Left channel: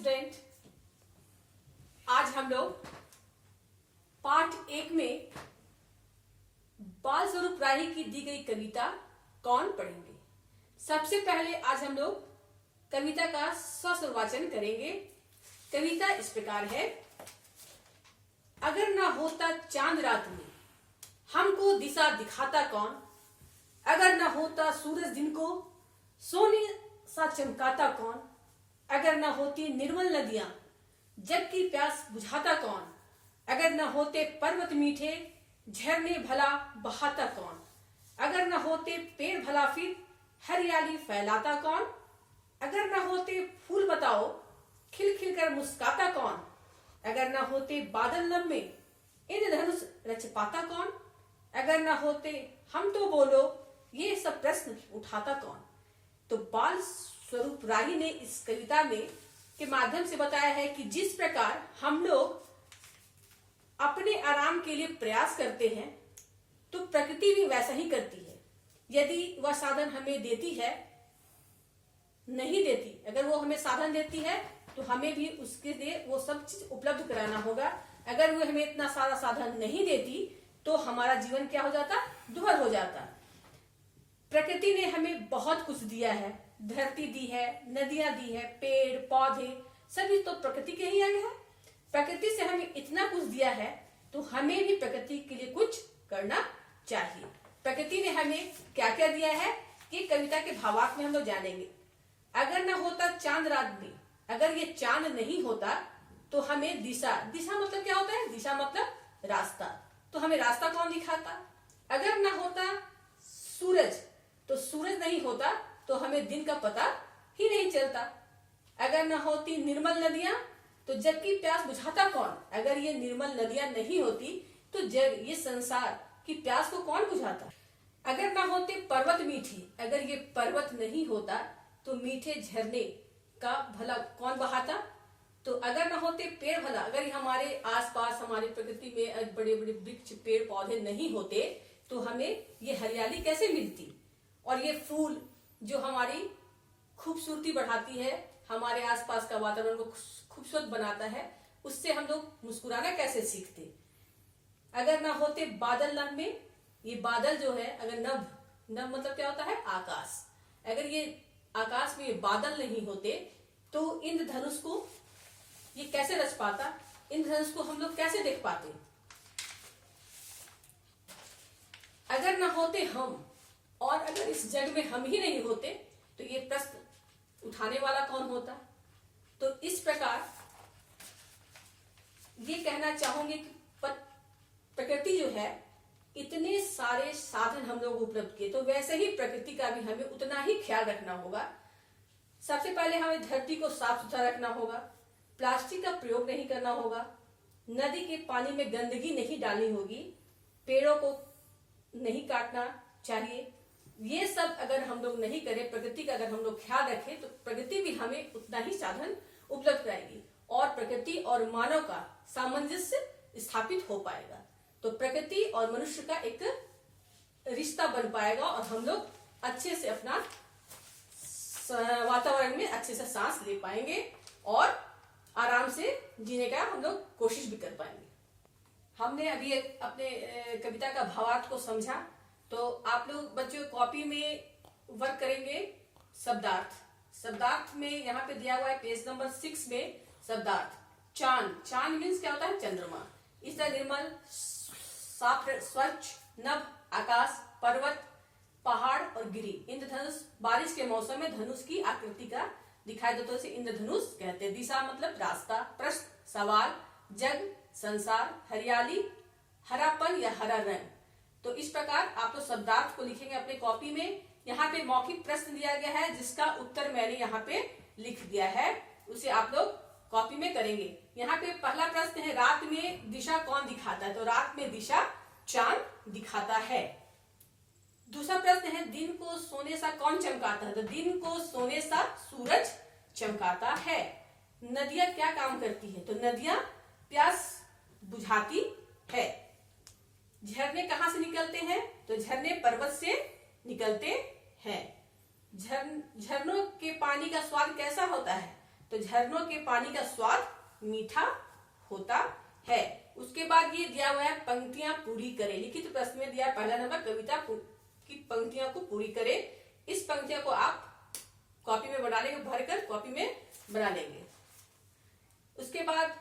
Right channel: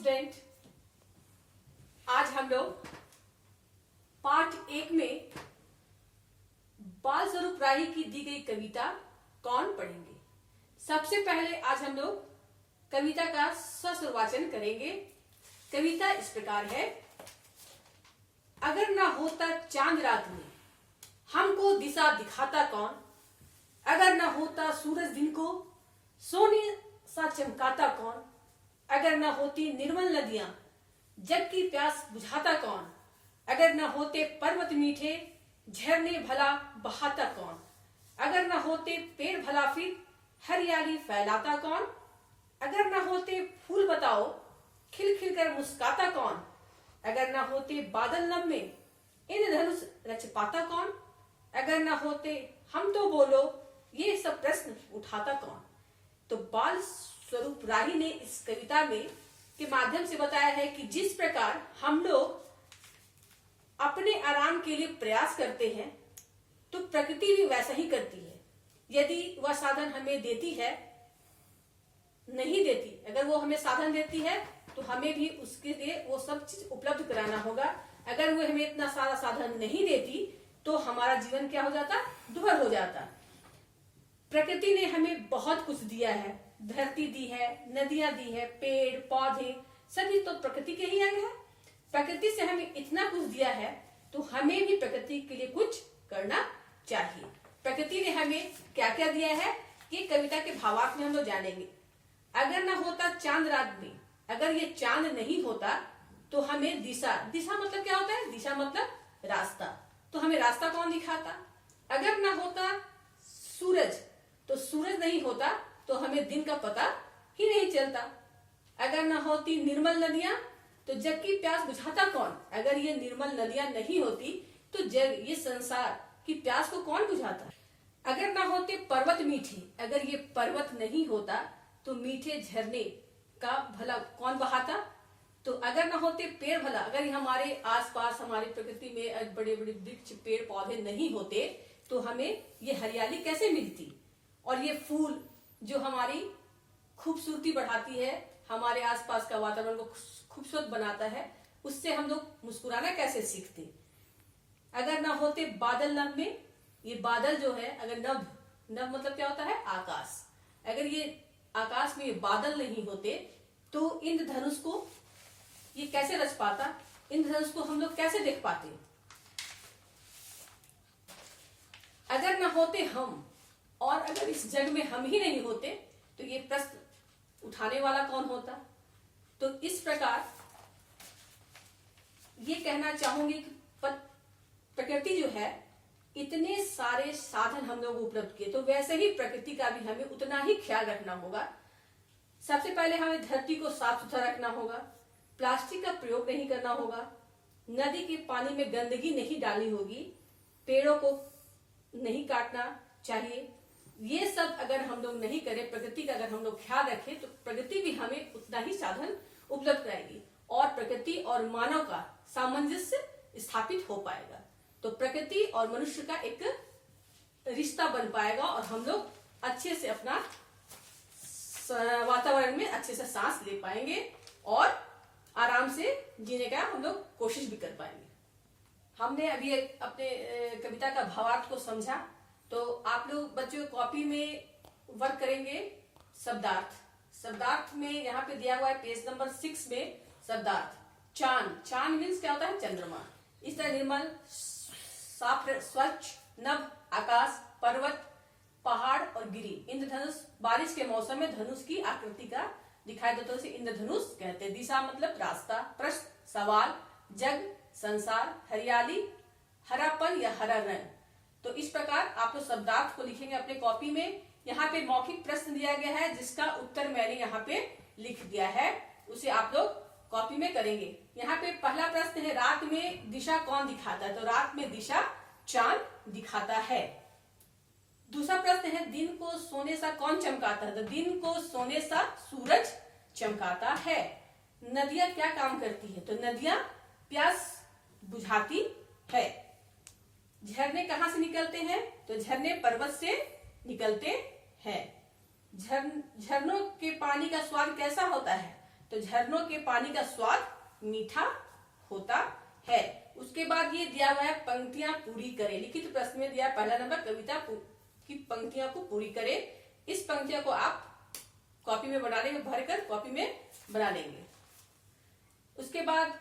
Student, आज हम लोग पाठ 1 में बाल स्वरूप राही की दी गई कविता कौन पढ़ेंगे। सबसे पहले आज हम लोग कविता का सस्वर वाचन करेंगे। कविता इस प्रकार है। अगर ना होता चांद रात में हमको दिशा दिखाता कौन, अगर ना होता सूरज दिन को सोने सा चमकाता कौन, अगर न होती निर्मल नदियां जग की प्यास बुझाता कौन, अगर न होते पर्वत मीठे झरने भला बहाता कौन, अगर न होते पेड़ भला फिर हरियाली फैलाता कौन, अगर न होते फूल बताओ खिल खिल कर मुस्काता कौन, अगर न होते बादल लम्बे इंद्रधनुष रच पाता कौन, अगर न होते हम तो बोलो ये सब प्रश्न उठाता कौन। तो बाल स्वरूप राही ने इस कविता में के माध्यम से बताया है कि जिस प्रकार हम लोग अपने आराम के लिए प्रयास करते हैं तो प्रकृति भी वैसा ही करती है। यदि वह साधन हमें देती है, नहीं देती, अगर वो हमें साधन देती है तो हमें भी उसके लिए वो सब चीज उपलब्ध कराना होगा। अगर वो हमें इतना सारा साधन नहीं देती तो हमारा जीवन क्या हो जाता, दुभर हो जाता। प्रकृति ने हमें बहुत कुछ दिया है, धरती दी है, नदियां दी है, पेड़ पौधे सभी तो प्रकृति के ही अंग है। प्रकृति से हमें इतना कुछ दिया है तो हमें भी प्रकृति के लिए कुछ करना चाहिए। प्रकृति ने हमें क्या क्या दिया है ये कविता के भावार्थ में हम लोग जानेंगे। अगर ना होता चांद रात में, अगर ये चांद नहीं होता तो हमें दिशा मतलब क्या होता है, दिशा मतलब रास्ता, तो हमें रास्ता कौन दिखाता। अगर ना होता सूरज, तो सूरज नहीं होता तो हमें दिन का पता ही नहीं चलता। अगर न होती निर्मल नदियां तो जग की प्यास बुझाता कौन, अगर ये निर्मल नदियां नहीं होती तो जग ये संसार की प्यास को कौन बुझाता। अगर न होते पर्वत मीठे, अगर ये पर्वत नहीं होता तो मीठे झरने का भला कौन बहाता। तो अगर न होते पेड़ भला, अगर हमारे आसपास हमारी प्रकृति में बड़े बड़े वृक्ष पेड़ पौधे नहीं होते तो हमें ये हरियाली कैसे मिलती, और ये फूल जो हमारी खूबसूरती बढ़ाती है, हमारे आसपास का वातावरण को खूबसूरत बनाता है, उससे हम लोग मुस्कुराना कैसे सीखते। अगर ना होते बादल नभ में, ये बादल जो है, अगर नभ मतलब क्या होता है, आकाश, अगर ये आकाश में ये बादल नहीं होते तो इंद्रधनुष को ये कैसे रच पाता, इंद्रधनुष को हम लोग कैसे देख पाते। अगर ना होते हम, और अगर इस जग में हम ही नहीं होते तो ये प्रश्न उठाने वाला कौन होता। तो इस प्रकार ये कहना चाहूंगी कि प्रकृति जो है, इतने सारे साधन हम लोग उपलब्ध किए तो वैसे ही प्रकृति का भी हमें उतना ही ख्याल रखना होगा। सबसे पहले हमें धरती को साफ सुथरा रखना होगा, प्लास्टिक का प्रयोग नहीं करना होगा, नदी के पानी में गंदगी नहीं डालनी होगी, पेड़ों को नहीं काटना चाहिए। ये सब अगर हम लोग नहीं करें, प्रकृति का अगर हम लोग ख्याल रखें तो प्रकृति भी हमें उतना ही साधन उपलब्ध कराएगी और प्रकृति और मानव का सामंजस्य स्थापित हो पाएगा। तो प्रकृति और मनुष्य का एक रिश्ता बन पाएगा और हम लोग अच्छे से अपना वातावरण में अच्छे से सांस ले पाएंगे और आराम से जीने का हम लोग कोशिश भी कर पाएंगे। हमने अभी अपने कविता का भावार्थ को समझा, तो आप लोग बच्चों कॉपी में वर्क करेंगे शब्दार्थ में यहाँ पे दिया हुआ है पेज नंबर 6 में शब्दार्थ। चांद मीन्स क्या होता है, चंद्रमा। इस तरह निर्मल, साफ, स्वच्छ, नभ, आकाश, पर्वत, पहाड़ और गिरी। इंद्रधनुष, बारिश के मौसम में धनुष की आकृति का दिखाई देता है, उसे इंद्रधनुष कहते हैं। दिशा मतलब रास्ता, प्रश्न सवाल, जग संसार, हरियाली हरापन या हरा रंग। तो इस प्रकार आप लोग शब्दार्थ को लिखेंगे अपने कॉपी में। यहाँ पे मौखिक प्रश्न दिया गया है जिसका उत्तर मैंने यहाँ पे लिख दिया है, उसे आप लोग कॉपी में करेंगे। यहाँ पे पहला प्रश्न है, रात में दिशा कौन दिखाता है, तो रात में दिशा चांद दिखाता है। दूसरा प्रश्न है, दिन को सोने सा कौन चमकाता है, तो दिन को सोने सा सूरज चमकाता है। नदियां क्या काम करती है, तो नदियां प्यास बुझाती है। झरने कहाँ से निकलते हैं, तो झरने पर्वत से निकलते हैं। झरनों के पानी का स्वाद कैसा होता है, तो झरनों के पानी का स्वाद मीठा होता है। उसके बाद ये दिया हुआ है पंक्तियां पूरी करें। लिखित प्रश्न में दिया है पहला नंबर कविता की पंक्तियों को पूरी करें। इस पंक्तियों को आप कॉपी में बना लेंगे, भरकर कॉपी में बना लेंगे। उसके बाद